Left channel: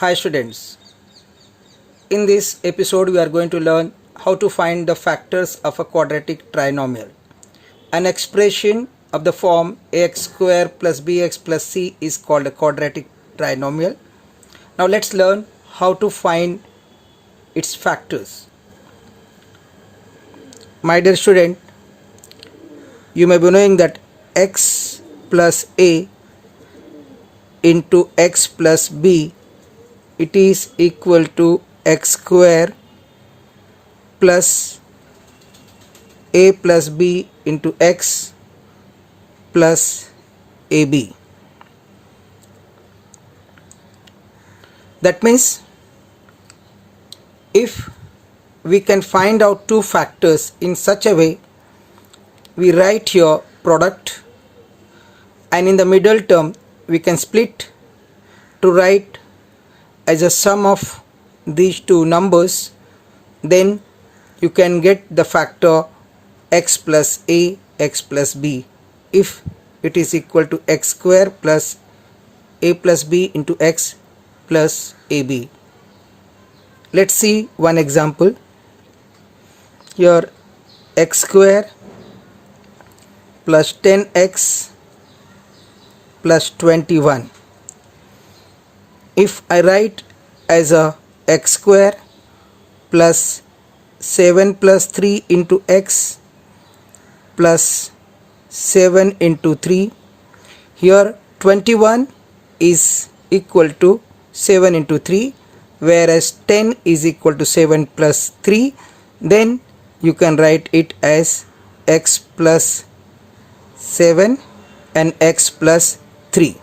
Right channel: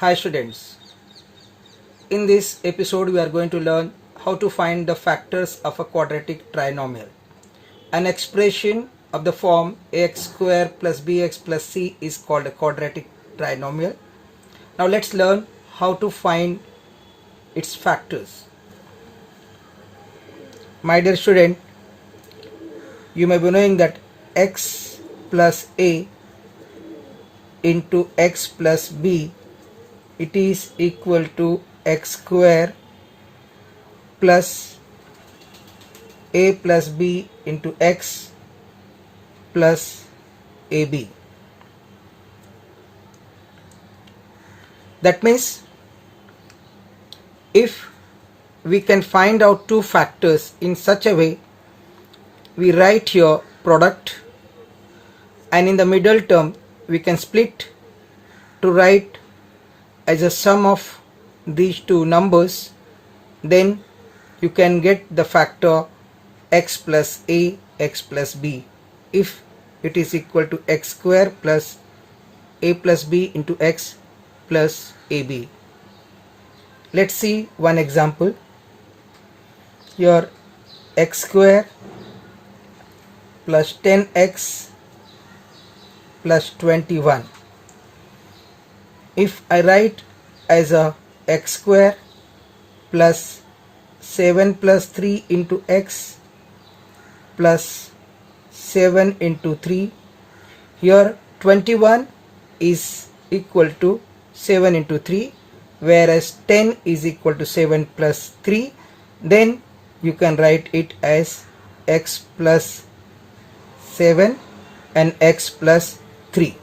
Hi students, in this episode we are going to learn how to find the factors of a quadratic trinomial. An expression of the form ax square plus bx plus c is called a quadratic trinomial. Now let's learn how to find its factors. My dear student, you may be knowing that x plus a into x plus b, it is equal to x square plus a plus b into x plus ab. That means if we can find out two factors in such a way, we write here product, and in the middle term we can split to write as a sum of these two numbers, then you can get the factor x plus a, x plus b, if it is equal to x square plus a plus b into x plus ab. Let's see one example. Here x square plus 10x plus 21. If I write as a x square plus 7 plus 3 into x plus 7 into 3, here 21 is equal to 7 into 3, whereas 10 is equal to 7 plus 3, then you can write it as x plus 7 and x plus 3.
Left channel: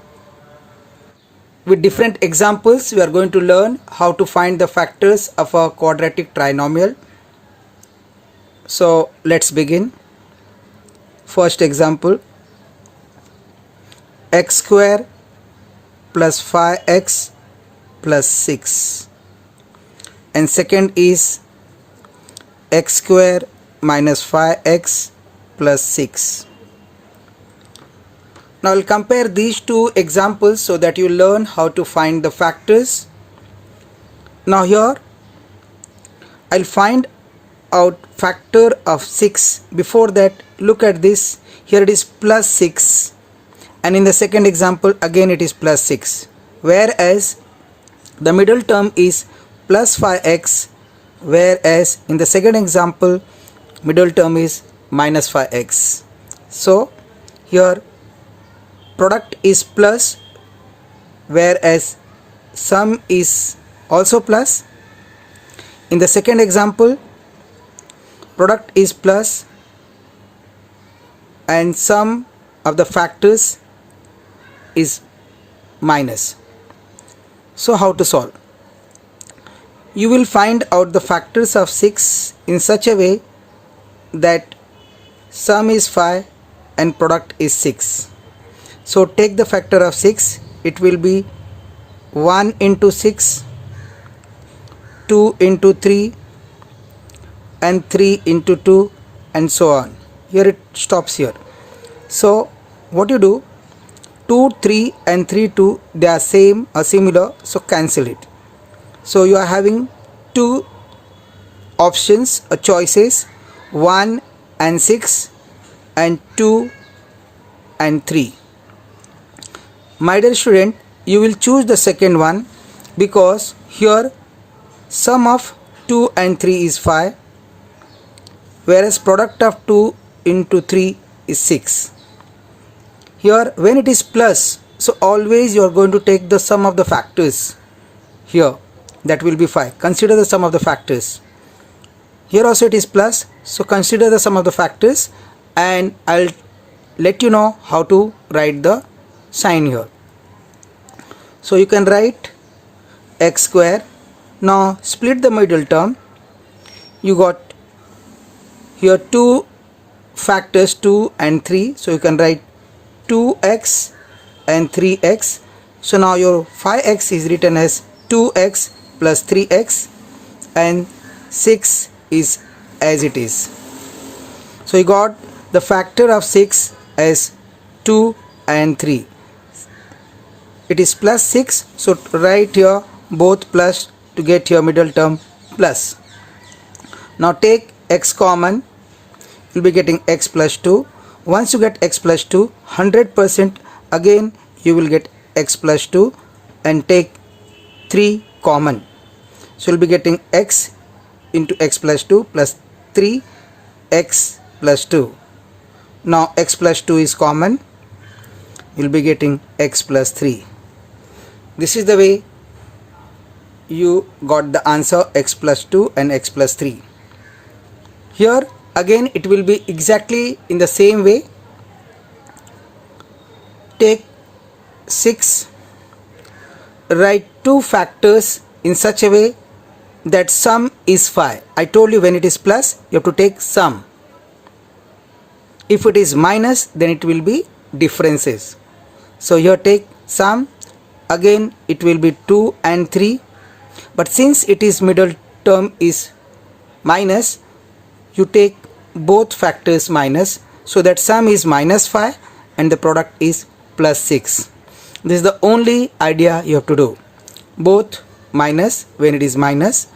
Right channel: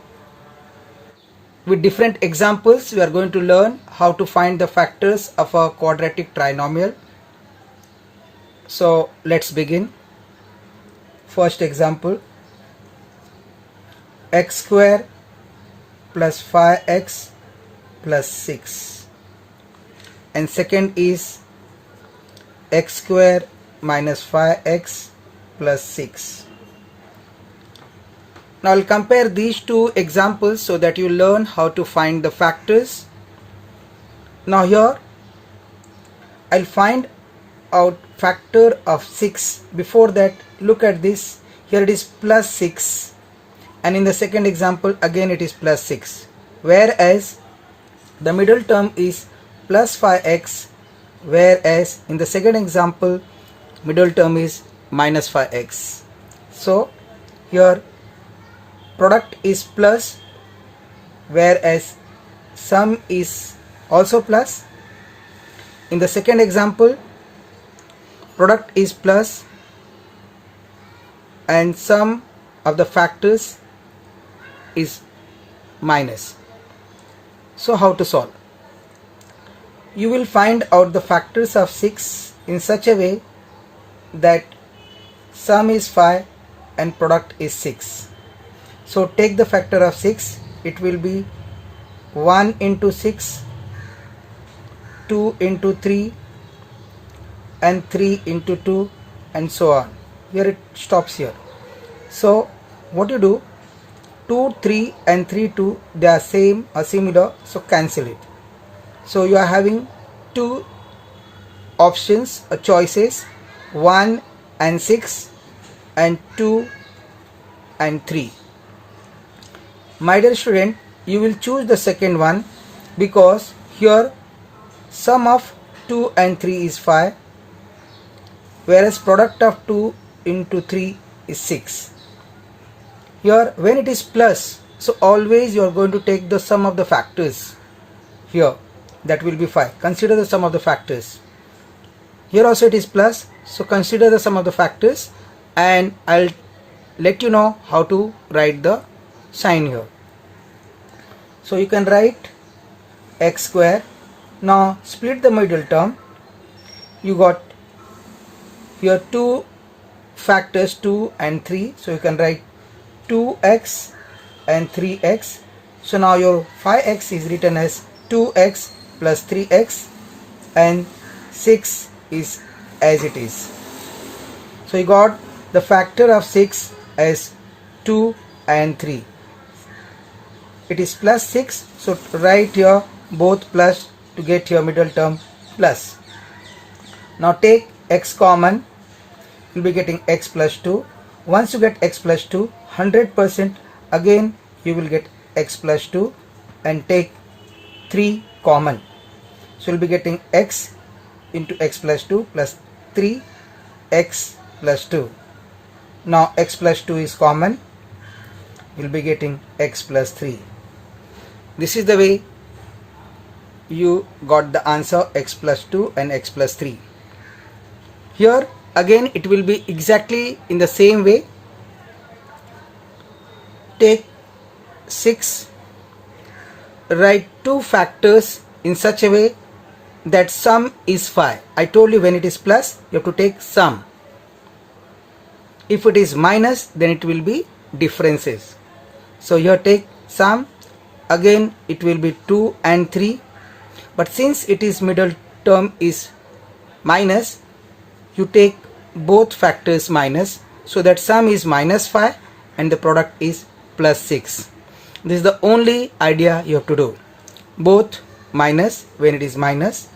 With different examples, we are going to learn how to find the factors of a quadratic trinomial. So let's begin. First example, x square plus 5x plus 6, and second is x square minus 5x plus 6. Now I'll compare these two examples so that you learn how to find the factors. Now here I'll find out factor of 6. Before that, look at this. Here it is plus 6, and in the second example again it is plus 6, whereas the middle term is plus 5x, whereas in the second example middle term is minus 5x. So here product is plus, whereas sum is also plus. In the second example, product is plus and sum of the factors is minus. So how to solve? You will find out the factors of 6 in such a way that sum is 5 and product is 6. So take the factor of 6, it will be 1 into 6, 2 into 3, and 3 into 2, and so on. Here it stops here. So what you do, 2, 3 and 3, 2, they are same or similar, so cancel it. So you are having two options or choices, 1 and 6 and 2 and 3. My dear student, you will choose the second one because here sum of 2 and 3 is 5, whereas product of 2 into 3 is 6. Here when it is plus, so always you are going to take the sum of the factors. Here that will be 5. Consider the sum of the factors. Here also it is plus, so consider the sum of the factors, and I'll let you know how to write the sign here. So you can write x square. Now split the middle term. You got here two factors, 2 and 3, so you can write 2x and 3x. So now your 5x is written as 2x plus 3x, and 6 is as it is. So you got the factor of 6 as 2 and 3. It is plus 6, so write here both plus to get your middle term plus. Now take x common, you'll be getting x plus 2. Once you get x plus 2, 100% again you will get x plus 2, and take 3 common. So you'll be getting x into x plus 2 plus 3 x plus 2. Now x plus 2 is common, you'll be getting x plus 3. This is the way you got the answer x plus 2 and x plus 3. Here again it will be exactly in the same way. Take 6, write 2 factors in such a way that sum is 5. I told you when it is plus you have to take sum. If it is minus, then it will be differences. So here take sum, again it will be 2 and 3, but since it is middle term is minus, you take both factors minus, so that sum is minus 5 and the product is plus 6. This is the only idea you have to do. Both minus when it is minus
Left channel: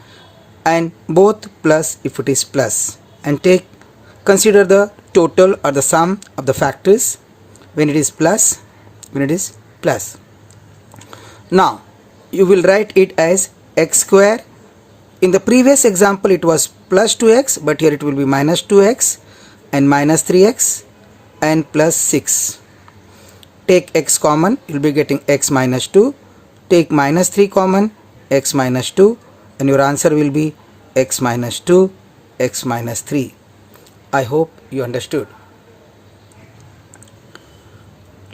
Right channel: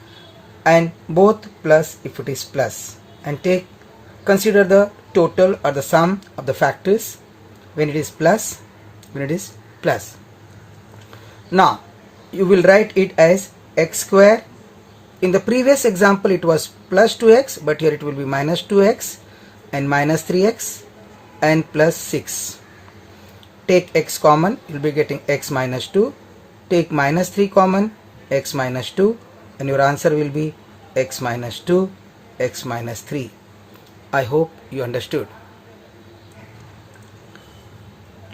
and both plus if it is plus, and consider the total or the sum of the factors when it is plus, when it is plus. Now you will write it as x square. In the previous example it was plus 2x, but here it will be minus 2x and minus 3x and plus 6. Take x common, you will be getting x minus 2. Take minus 3 common, x minus 2, and your answer will be x minus 2, x minus 3. I hope you understood.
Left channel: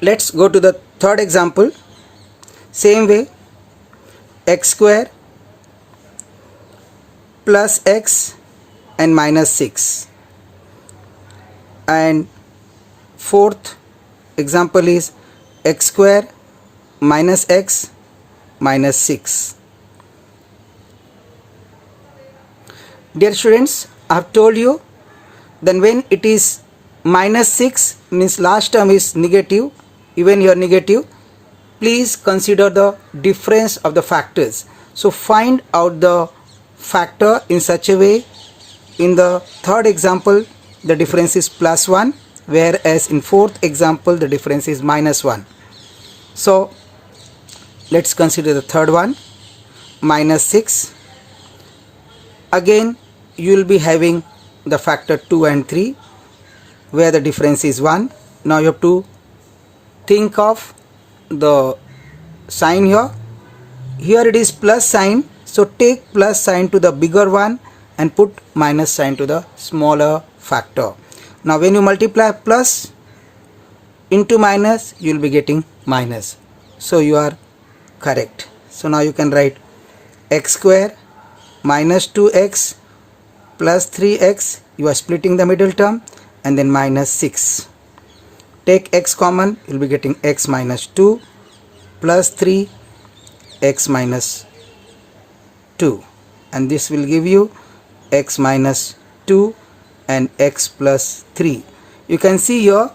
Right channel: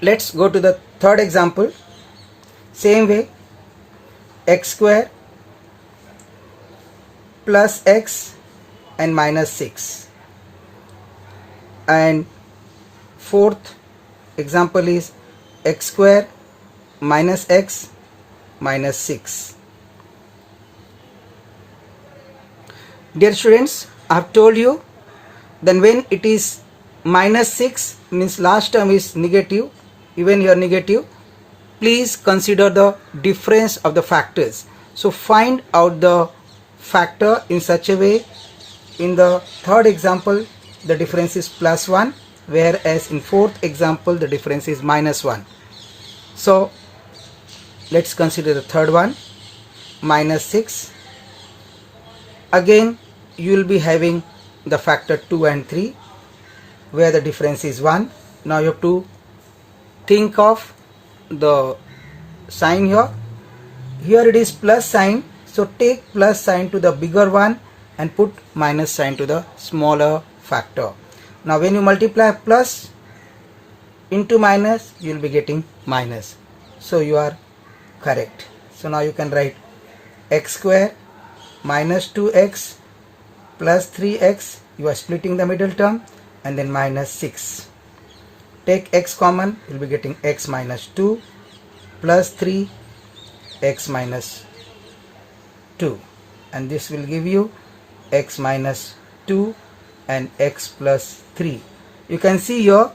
Let's go to the third example. Same way, x square plus x and minus 6. And fourth example is x square minus x minus 6. Dear students, I have told you, then when it is minus 6 means last term is negative, even here negative, please consider the difference of the factors. So find out the factor in such a way. In the third example the difference is plus 1, whereas in fourth example the difference is minus 1. So let's consider the third one, minus 6. Again you will be having the factor 2 and 3 where the difference is 1. Now you have to think of the sign here. Here it is plus sign, so take plus sign to the bigger one and put minus sign to the smaller factor. Now when you multiply plus into minus, you will be getting minus. So you are correct. So now you can write x square minus 2x plus 3x, you are splitting the middle term, and then minus 6. Take x common, you will be getting x minus 2 plus 3 x minus 2, and this will give you x minus 2 and x plus 3. You can see here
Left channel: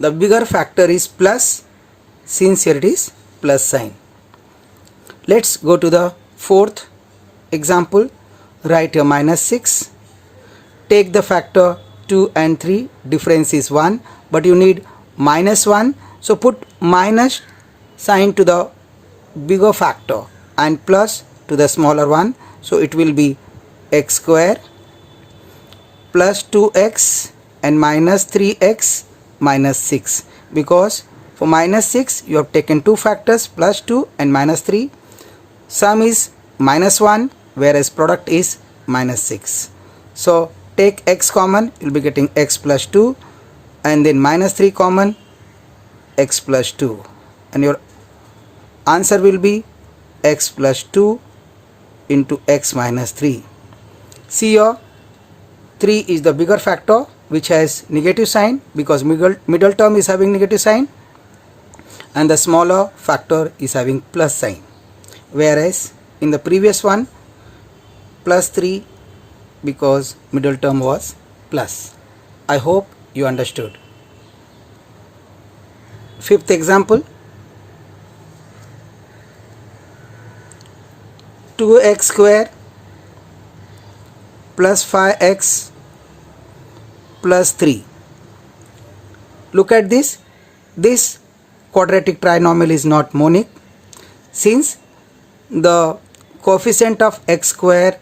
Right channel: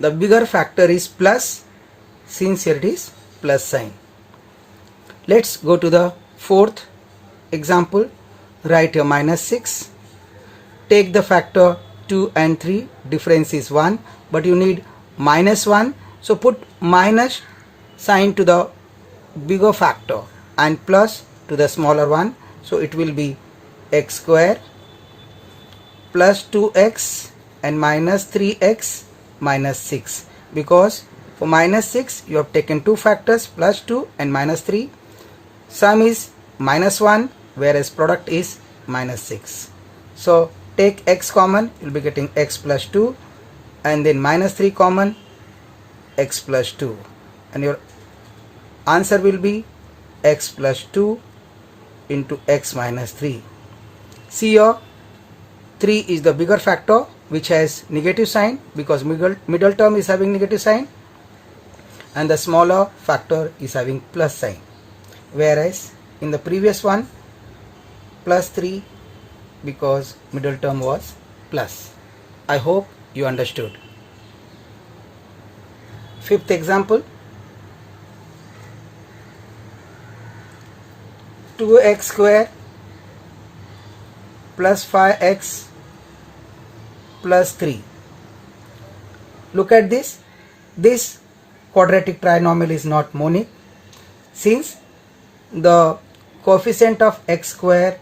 the bigger factor is plus, since here it is plus sign. Let's go to the fourth example. Write your minus 6. Take the factor 2 and 3, difference is 1, but you need minus 1, so put minus sign to the bigger factor and plus to the smaller one, so it will be x square plus 2x and minus 3x minus 6, because for minus 6 you have taken two factors, plus 2 and minus 3. Sum is minus 1, whereas product is minus 6. So take x common, you will be getting x plus 2, and then minus 3 common, x plus 2, and your answer will be x plus 2 into x minus 3. See here, 3 is the bigger factor which has negative sign because middle term is having negative sign, and the smaller factor is having plus sign, whereas in the previous one plus 3 because middle term was plus. I hope you understood. Fifth example, 2x square plus 5x plus 3. Look at this. This quadratic trinomial is not monic since the coefficient of x square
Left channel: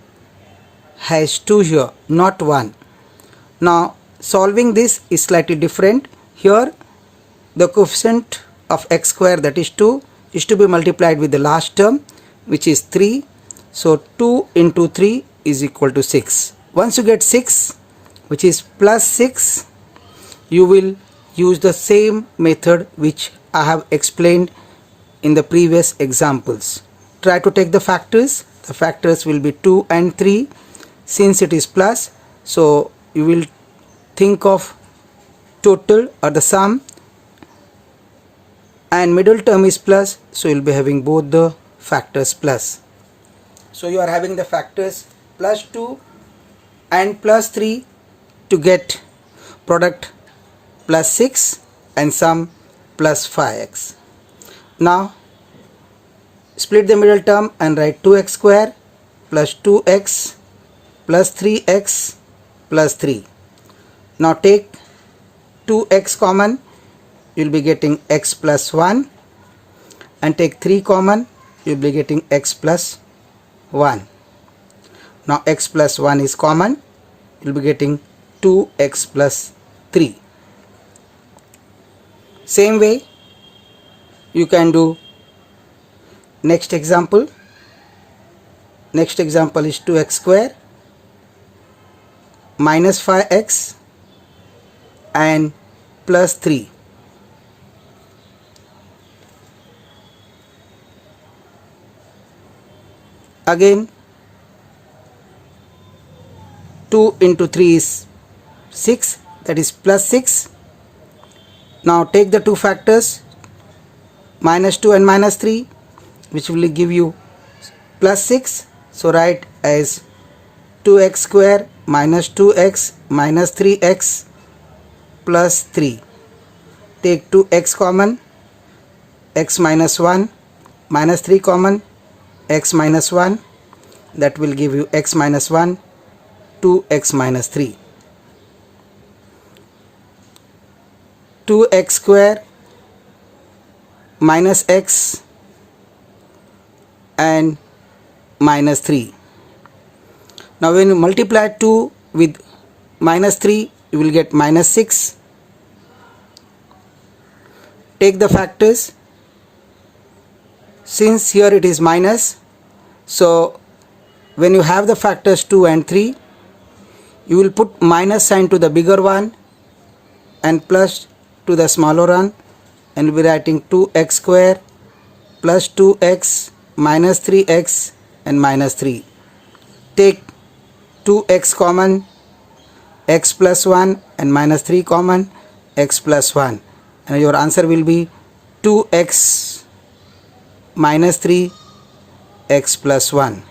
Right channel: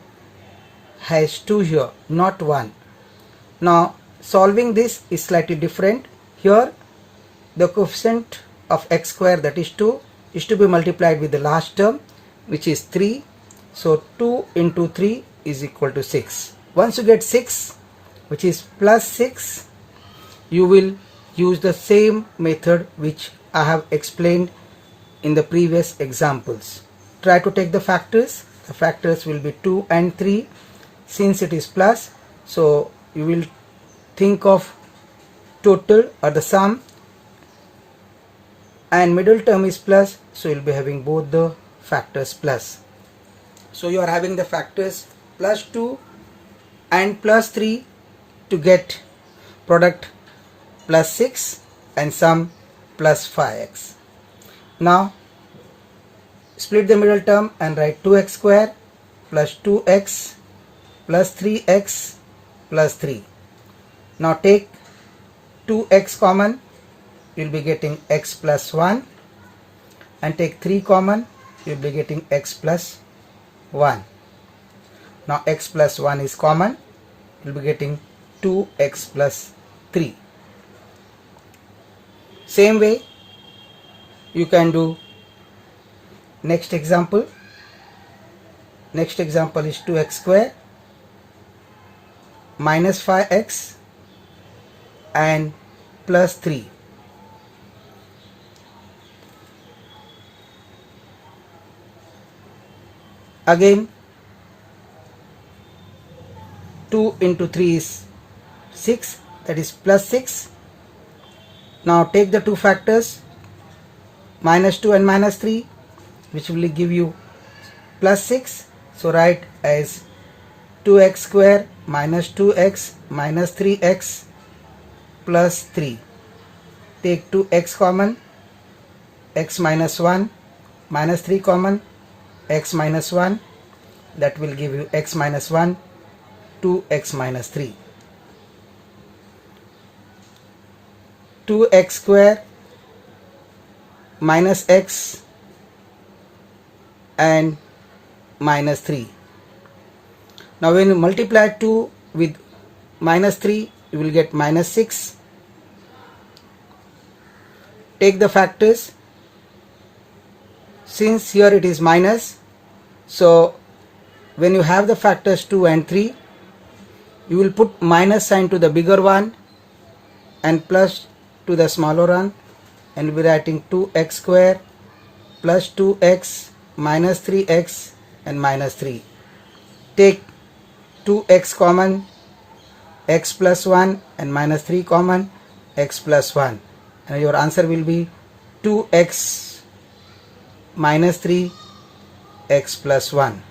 has 2 here, not 1. Now solving this is slightly different. Here the coefficient of x square, that is 2, is to be multiplied with the last term, which is 3. So 2 into 3 is equal to 6. Once you get 6, which is plus 6, you will use the same method which I have explained in the previous examples. Try to take the factors. The factors will be 2 and 3. Since it is plus, so you will think of total or the sum, and middle term is plus, so you will be having both the factors plus. So you are having the factors plus 2 and plus 3 to get product plus 6 and sum plus 5x. Now split the middle term and write 2x square plus 2x plus 3x plus 3. Now take 2x common, you will be getting x plus 1, and take 3 common, you will be getting x plus 1. Now x plus 1 is common, you will be getting 2x plus 3. Same way you can do next example. Next example is 2x square minus 5x and plus 3. Again 2 into 3 is 6, that is plus 6. Now take the two factors minus 2 and minus 3, which will give you plus 6. So write as 2x square minus 2x minus 3x plus 3. Take 2x common, x minus 1, minus 3 common, x minus 1, that will give you x minus 1, 2x minus 3. 2x square minus x and minus 3. Now when you multiply 2 with minus 3, you will get minus 6. Take the factors. Since here it is minus, so when you have the factors 2 and 3, you will put minus sign to the bigger one and plus to the smaller one, and we are writing 2x square plus 2x minus 3x and minus 3. Take 2x common, x plus 1 and minus 3 common, x plus 1, and your answer will be 2x minus 3 x plus 1.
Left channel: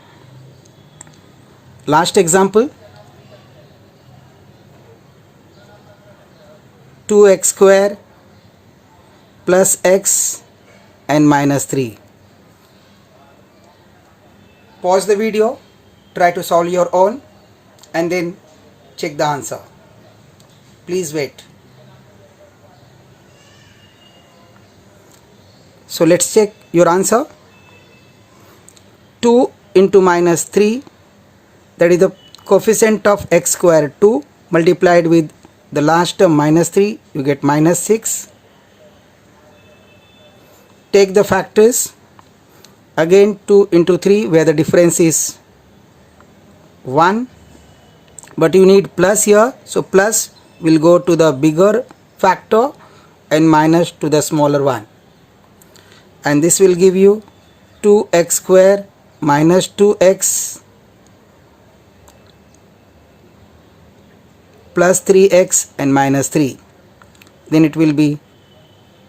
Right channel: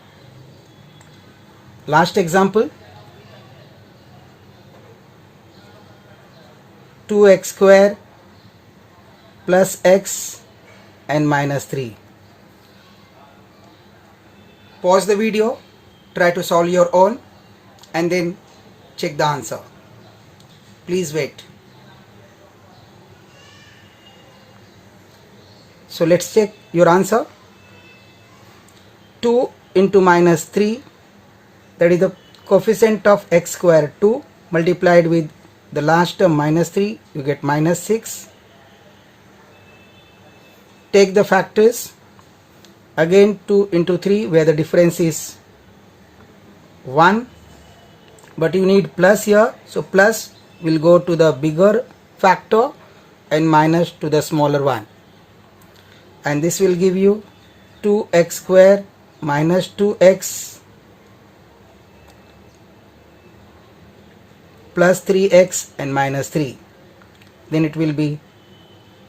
Last example, 2x square plus x and minus 3. Pause the video, try to solve your own, and then check the answer. Please wait. So let's check your answer. 2 into minus 3, that is the coefficient of x square 2 multiplied with the last term minus 3, you get minus 6. Take the factors. Again 2 into 3, where the difference is 1, but you need plus here, so plus will go to the bigger factor and minus to the smaller one, and this will give you 2x square minus 2x plus 3x and minus 3. Then it will be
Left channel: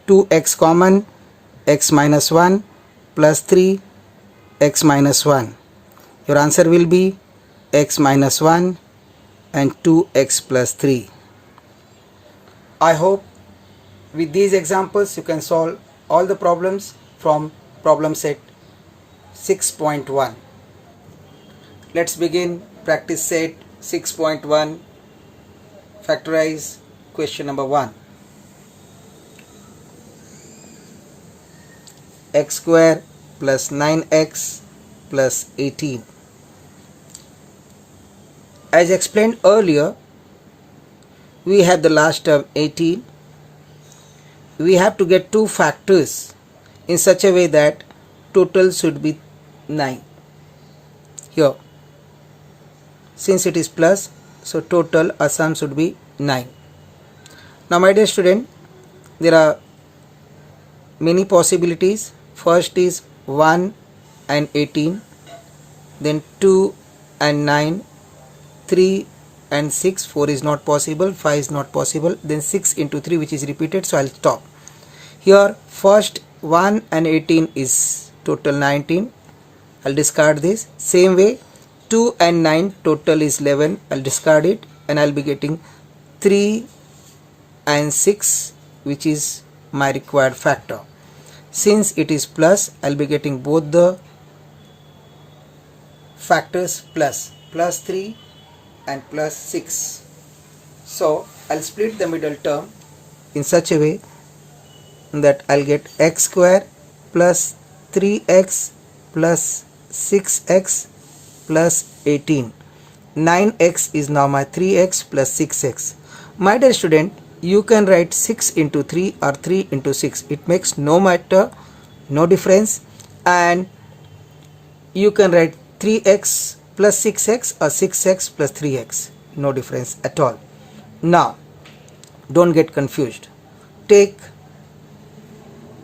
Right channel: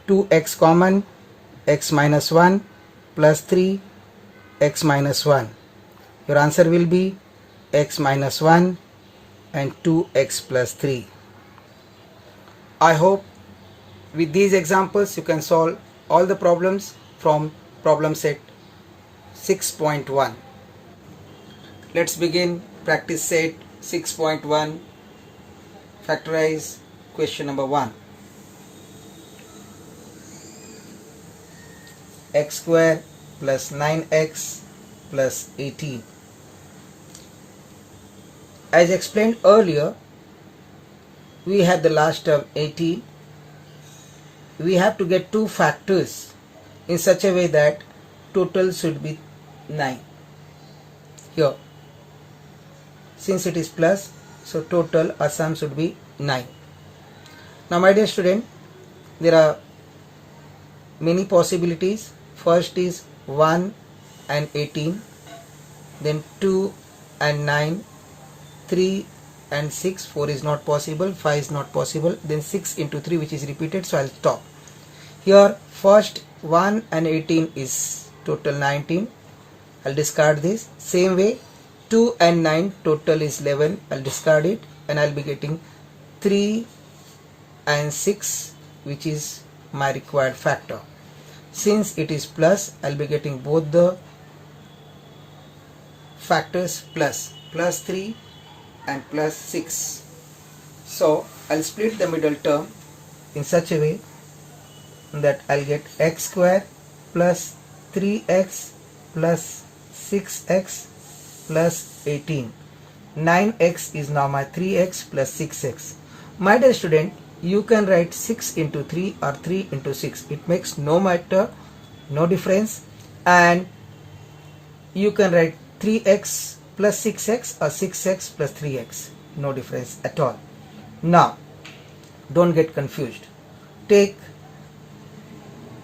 2x common, x minus 1 plus 3 x minus 1. Your answer will be x minus 1 and 2x plus 3. I hope with these examples you can solve all the problems from problem set 6.1. Let's begin practice set 6.1. Factorize question number 1. X square plus 9x plus 18. As explained earlier, we have the last term 18. We have to get two factors in such a way that total should be 9. Here, since it is plus, so total or sum should be 9. Now my dear student, there are many possibilities. First is 1 and 18, then 2 and 9, 3 and 6, 4 is not possible, 5 is not possible, then 6 into 3 which is repeated, so I'll stop. Here first 1 and 18 is total 19, I'll discard this. Same way 2 and 9 total is 11, I'll discard it, and I'll be getting 3 and 6 which is my required factor. Since it is plus, I'll be getting both the factors plus 3 and plus 6. So I'll split the middle term in such a way that I'll get x square plus 3x plus 6x plus 18. 9x is now my 3x plus 6x. My dear student, you can write 6 into 3 or 3 into 6. It makes no matter, no difference, and you can write 3x plus 6x or 6x plus 3x. No difference at all. Now, don't get confused. Take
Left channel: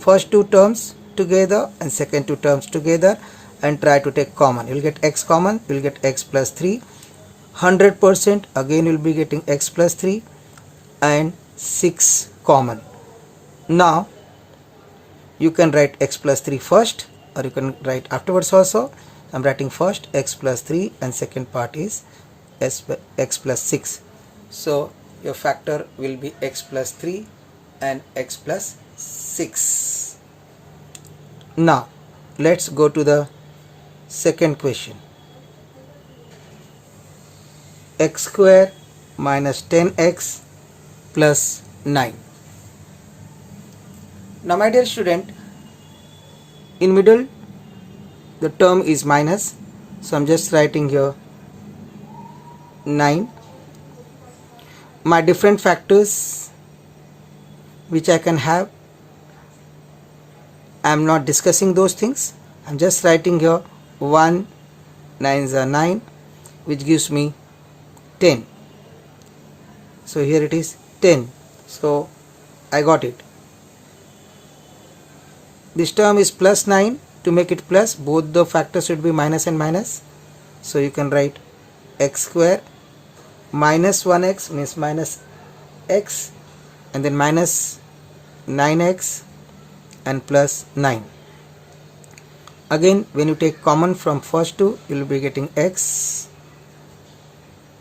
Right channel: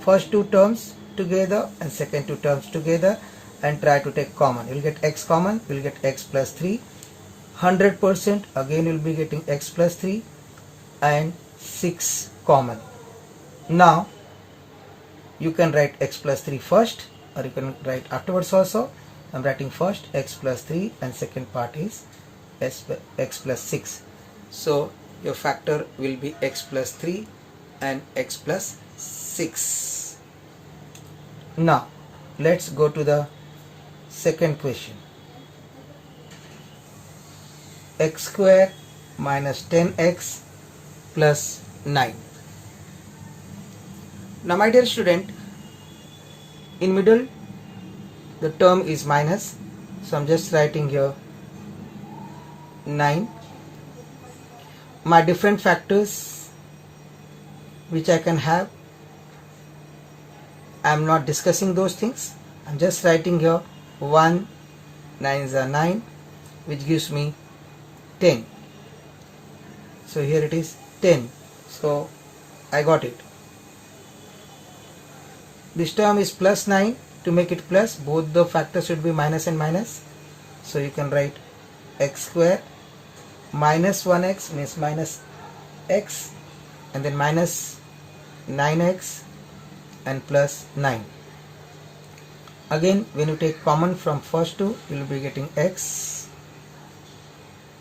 first two terms together and second two terms together and try to take common. You'll get x common, you'll get x plus 3. 100% again you'll be getting x plus 3 and 6 common. Now you can write x plus 3 first, or you can write afterwards also. I'm writing first x plus 3 and second part is x plus 6. So your factor will be x plus 3 and x plus 6. Now let's go to the second question. X square minus 10x plus 9. Now my dear student, in middle the term is minus, so I'm just writing here 9. My different factors which I can have, I'm not discussing those things. I'm just writing here 1, 9s are 9, which gives me 10. So here it is 10. So I got it. This term is plus 9. To make it plus, both the factors should be minus and minus. So you can write x square minus 1x means minus x, and then minus 9x and plus 9. Again, when you take common from first two, you will be getting x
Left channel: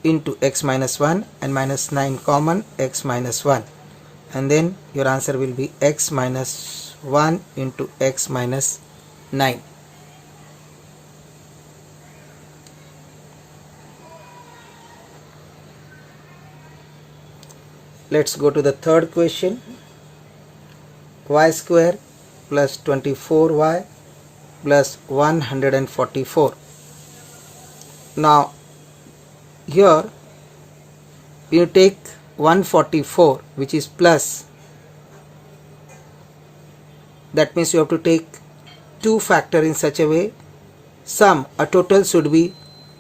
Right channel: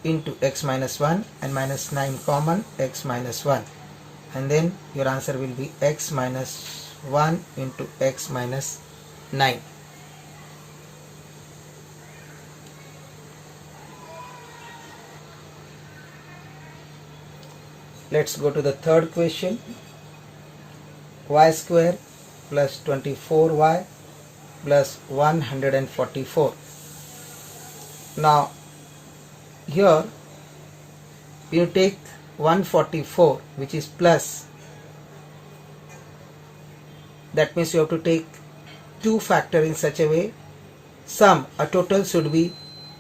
into x minus 1 and minus 9 common, x minus 1, and then your answer will be x minus 1 into x minus 9. Let's go to the third question. Y square plus 24y plus 144. Now here you take 144 which is plus, that means you have to take two factor in such a way sum a total should be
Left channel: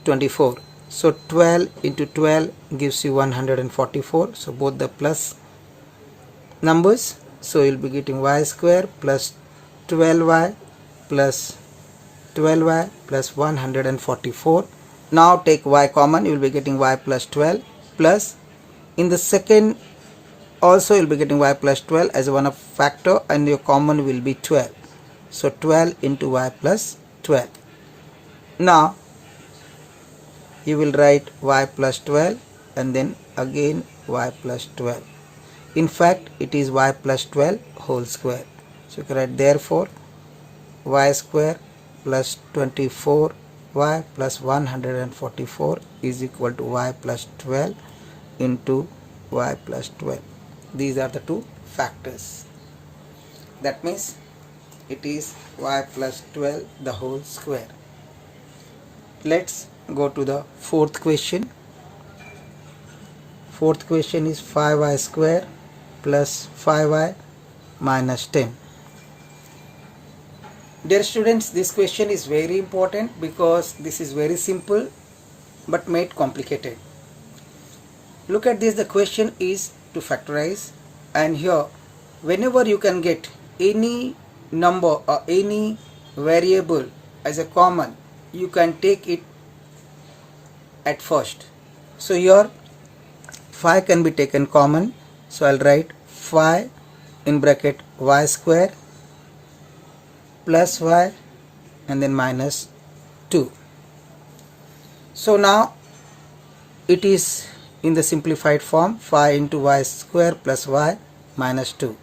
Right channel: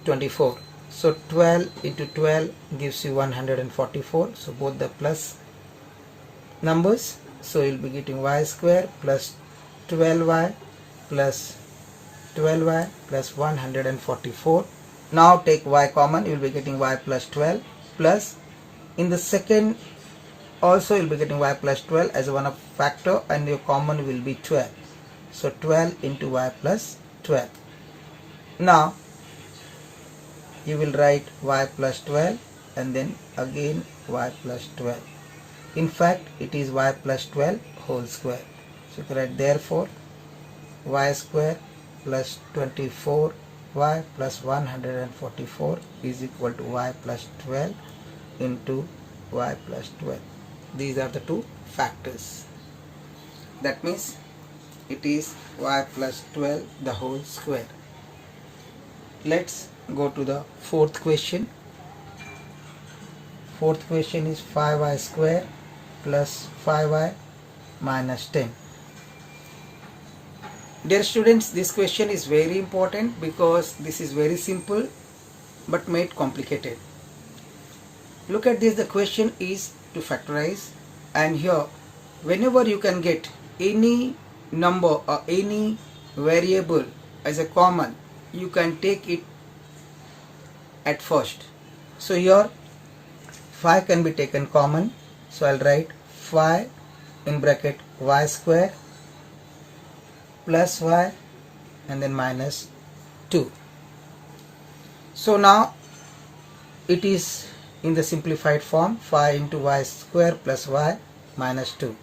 24. So 12 into 12 gives you 144, so both the plus numbers, so you'll be getting y square plus 12y plus 12y plus 144. Now take y common, you will be getting y plus 12 plus, in the second also you will be getting y plus 12 as one of factor, and your common will be 12. So 12 into y plus 12. Now you will write y plus 12 and then again y plus 12. In fact, it is y plus 12 whole square. So you can write therefore y square plus 24 y plus 144 is equal to y plus 12 into y plus 12. These are the two factors. That means it is y plus 12 the whole square. Let's go to the fourth question. Fourth question is 5y square plus 5y minus 10. Dear students, this question is very important because this is very simple but made complicated. Look at this, the question is to factorize, and here whenever you can get any number or any variable as a common, you can take it at first. So here 5 can be taken common, so I'll write 5 in bracket y square plus y and then minus 2. So now it is in the simplified form, 5 into y square plus y minus 2.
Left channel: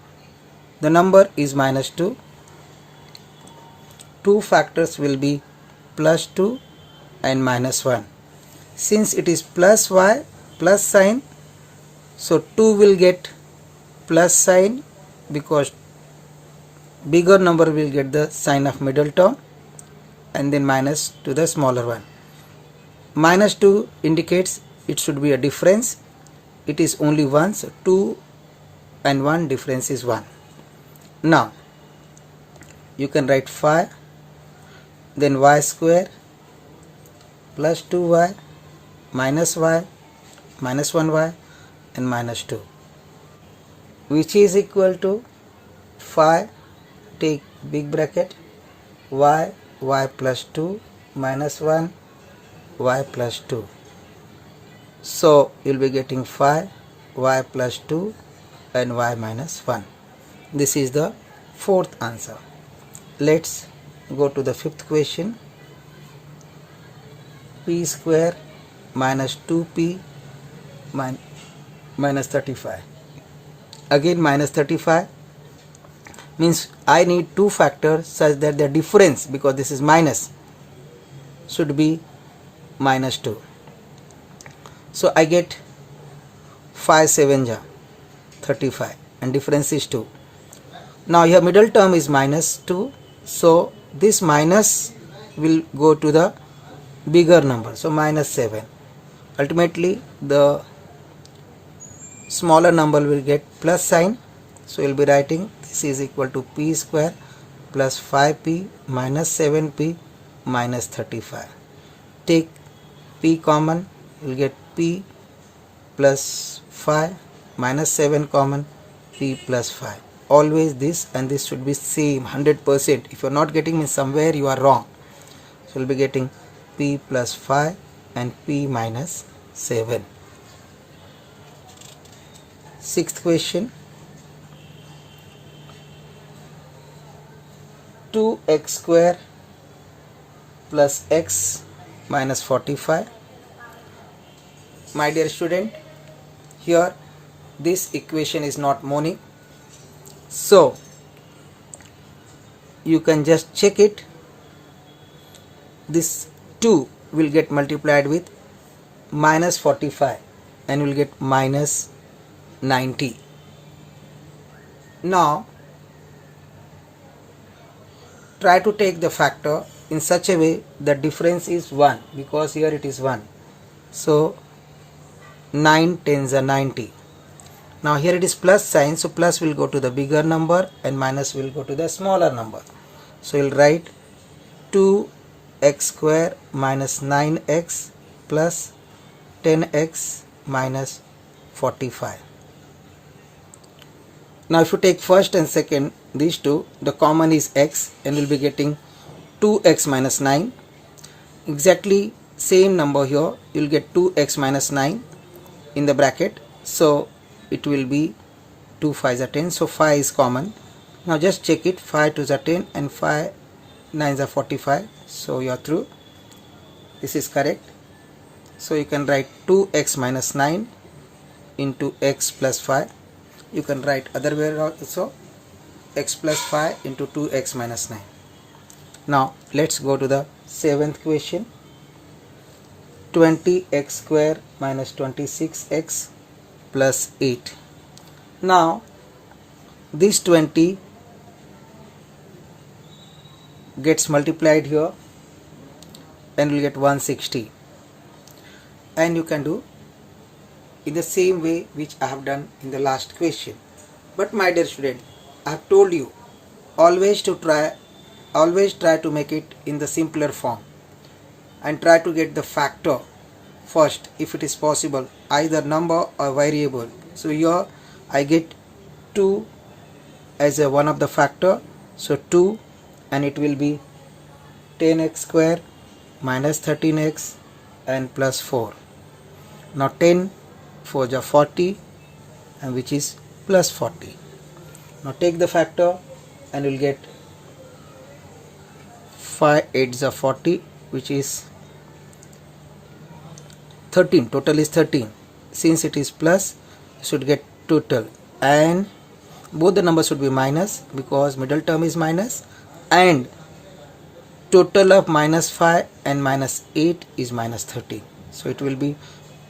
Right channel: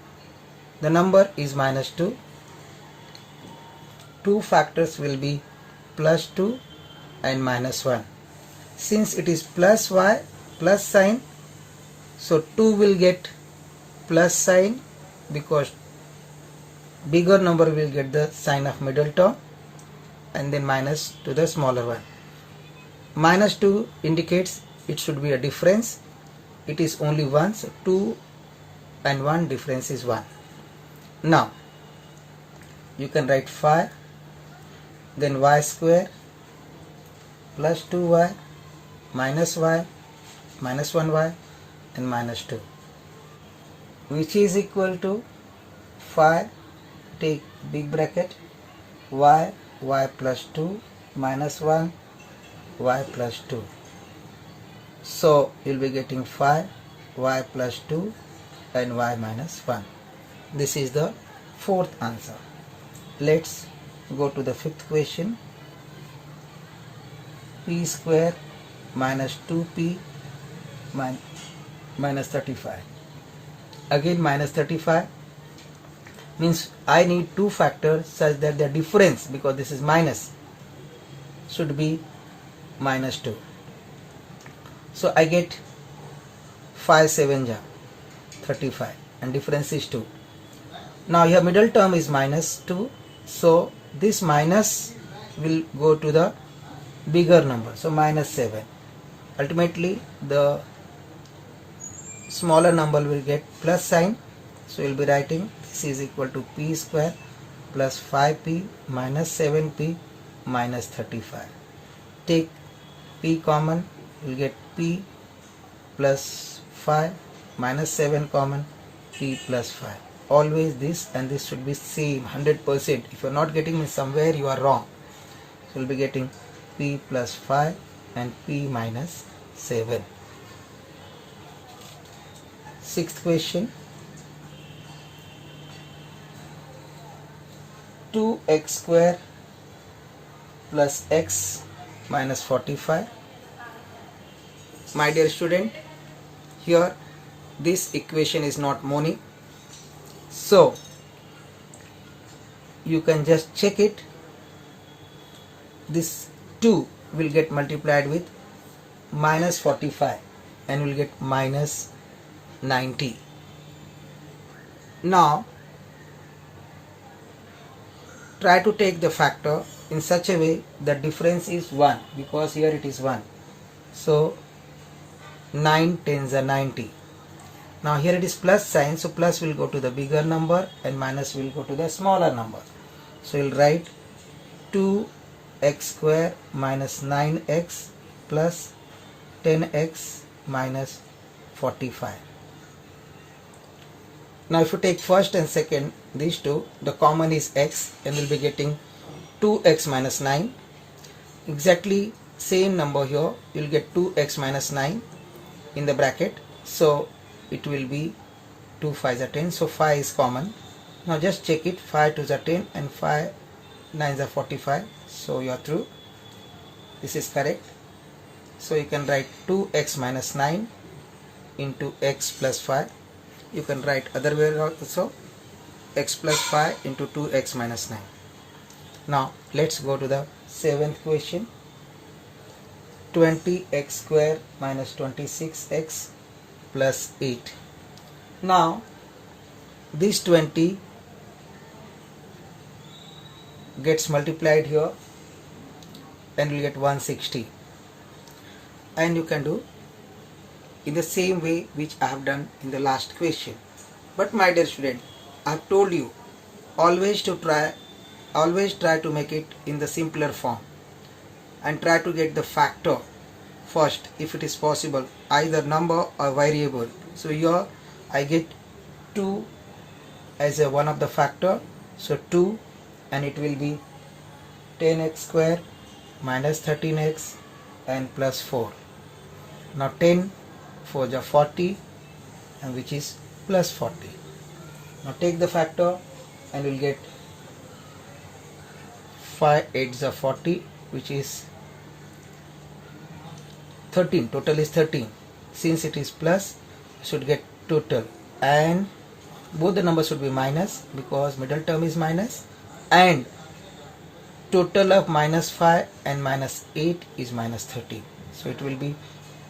The number is minus 2. Two factors will be plus 2 and minus 1. Since it is plus y plus sign, so 2 will get plus sign because bigger number will get the sign of middle term, and then minus to the smaller one. Minus 2 indicates it should be a difference. It is only 1, so 2 and 1 difference is 1. Now you can write 5, then y square plus 2y minus 1y and minus 2, which is equal to 5, take big bracket, y plus 2 minus 1 y plus 2. So you'll be getting 5 y plus 2 and y minus 1. This is the fourth answer. Let's go to the fifth question. P square minus 2p minus 35. Again minus 35 means I need two factors such that the difference, because this is minus, should be minus 2. So I get 5 7 ja 35 and difference is 2. Now here middle term is minus 2, so this minus will go to the bigger number, so minus 7. Ultimately the smaller number will get plus sign, so you'll be writing this is equal to p square plus 5p minus 7p minus 35. Take p common, you'll get p plus 5 minus 7 common, p plus 5. Always this and this should be same 100%. If you're not getting it somewhere, you are wrong. So you'll be getting p plus 5 and p minus 7. Sixth question. 2x square plus x minus 45. My dear student, here this equation is not monic, so you can just check it. This 2 will get multiplied with minus 45 and will get minus 90. Now try to take the factor in such a way that difference is 1, because here it is 1. So 9 tens are 90. Now here it is plus sign, so plus will go to the bigger number and minus will go to the smaller number. So you'll write 2x square minus 9x plus 10x minus 45. Now if you take first and second, these two, the common is x, and you'll be getting 2x minus 9. Exactly same number here, you'll get 2x minus 9 in the bracket, so it will be 2 5s are 10, so 5 is common. Now just check it, 5 2s are 10 and 5 9s are 45, so you are through. This is correct. So you can write 2x minus 9 into x plus 5. You can write other way also, x plus 5 into 2x minus 9. Now let's go to the seventh question. 20x square minus 26x plus 8. Now this 20 gets multiplied here and we'll get 160, and you can do in the same way which I have done in the last question. But my dear student, I have told you always try to make it in the simpler form and try to get the factor first if it is possible, either number or variable. So here I get 2 as a one of the factor, so 2, and it will be 10x square minus 13x and plus 4. Now 10 4 is 40, and which is plus 40. Now take the factor and we'll get 5 8 is 40, which is 13. Total is 13. Since it is plus, you should get total, and both the numbers should be minus because middle term is minus, and total of minus 5 and minus 8 is minus 13. So it will be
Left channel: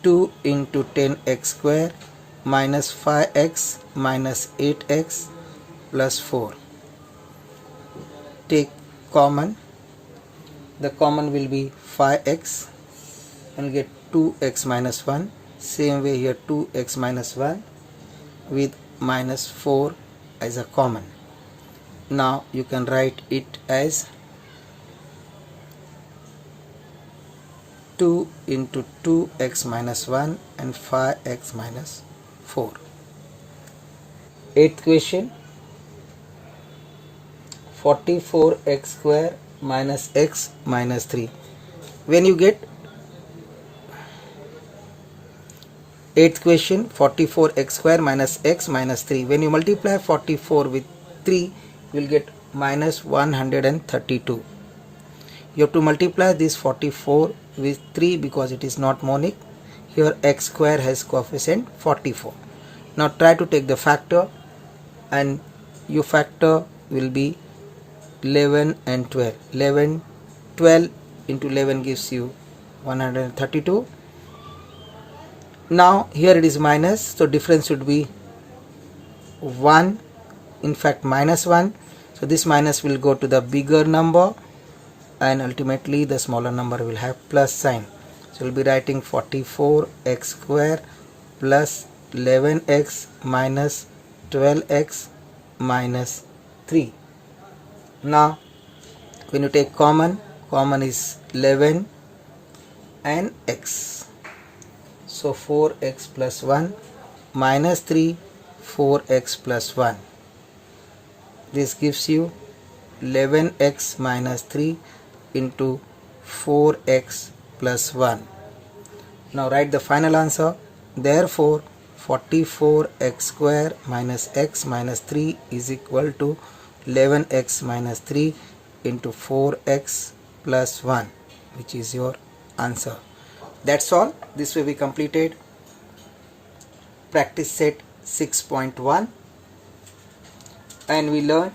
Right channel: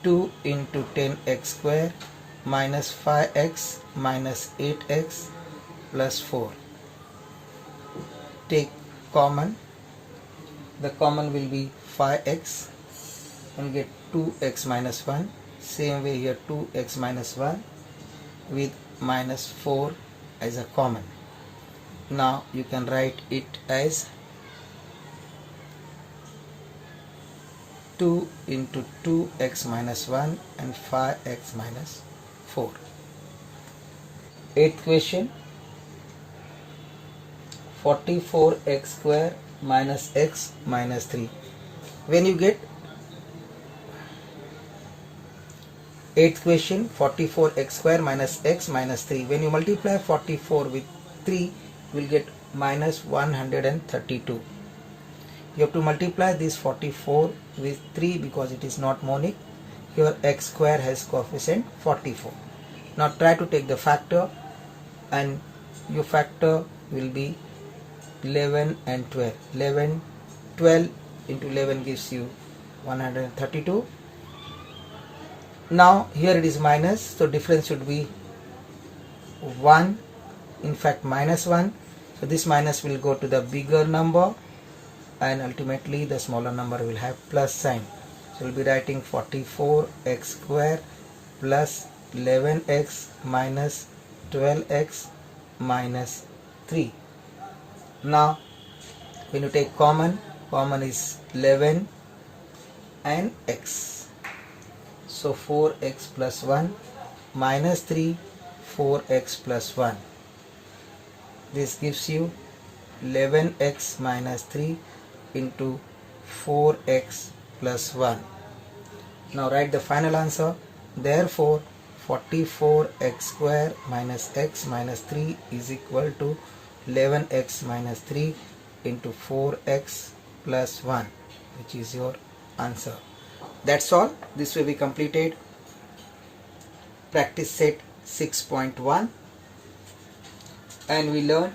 2 into 10x square minus 5x minus 8x plus 4. Take common. The common will be 5x, and get 2x minus 1. Same way here 2x minus 1 with minus 4 as a common. Now you can write it as 2 into 2x minus 1 and 5x minus 4. 8th question, 44x square minus x minus 3. When you get 8th question, 44x square minus x minus 3, when you multiply 44 with 3, you will get minus 132. You have to multiply this 44 with 3 because it is not monic. Here x square has coefficient 44. Now try to take the factor, and your factor will be 11 and 12. 12 into 11 gives you 132. Now here it is minus, so difference should be 1, in fact minus 1. So this minus will go to the bigger number, and ultimately the smaller number will have plus sign. So we'll be writing 44x square plus 11x minus 12x minus 3. Now when you take common is 11 and x. So 4x plus 1 minus 3, 4x plus 1. This gives you 11x minus 3 into 4x plus 1. Now write the final answer. Therefore 44x square minus x minus 3 is equal to 11x minus 3 into 4x plus 1, which is your answer. That's all. This way we completed practice set 6.1, and we learned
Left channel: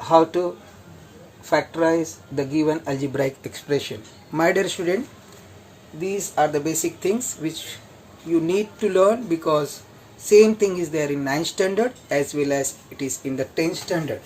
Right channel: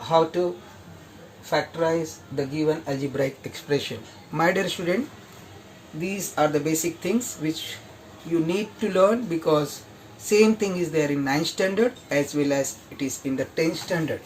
how to factorize the given algebraic expression. My dear student, these are the basic things which you need to learn, because same thing is there in 9th standard as well as it is in the 10th standard.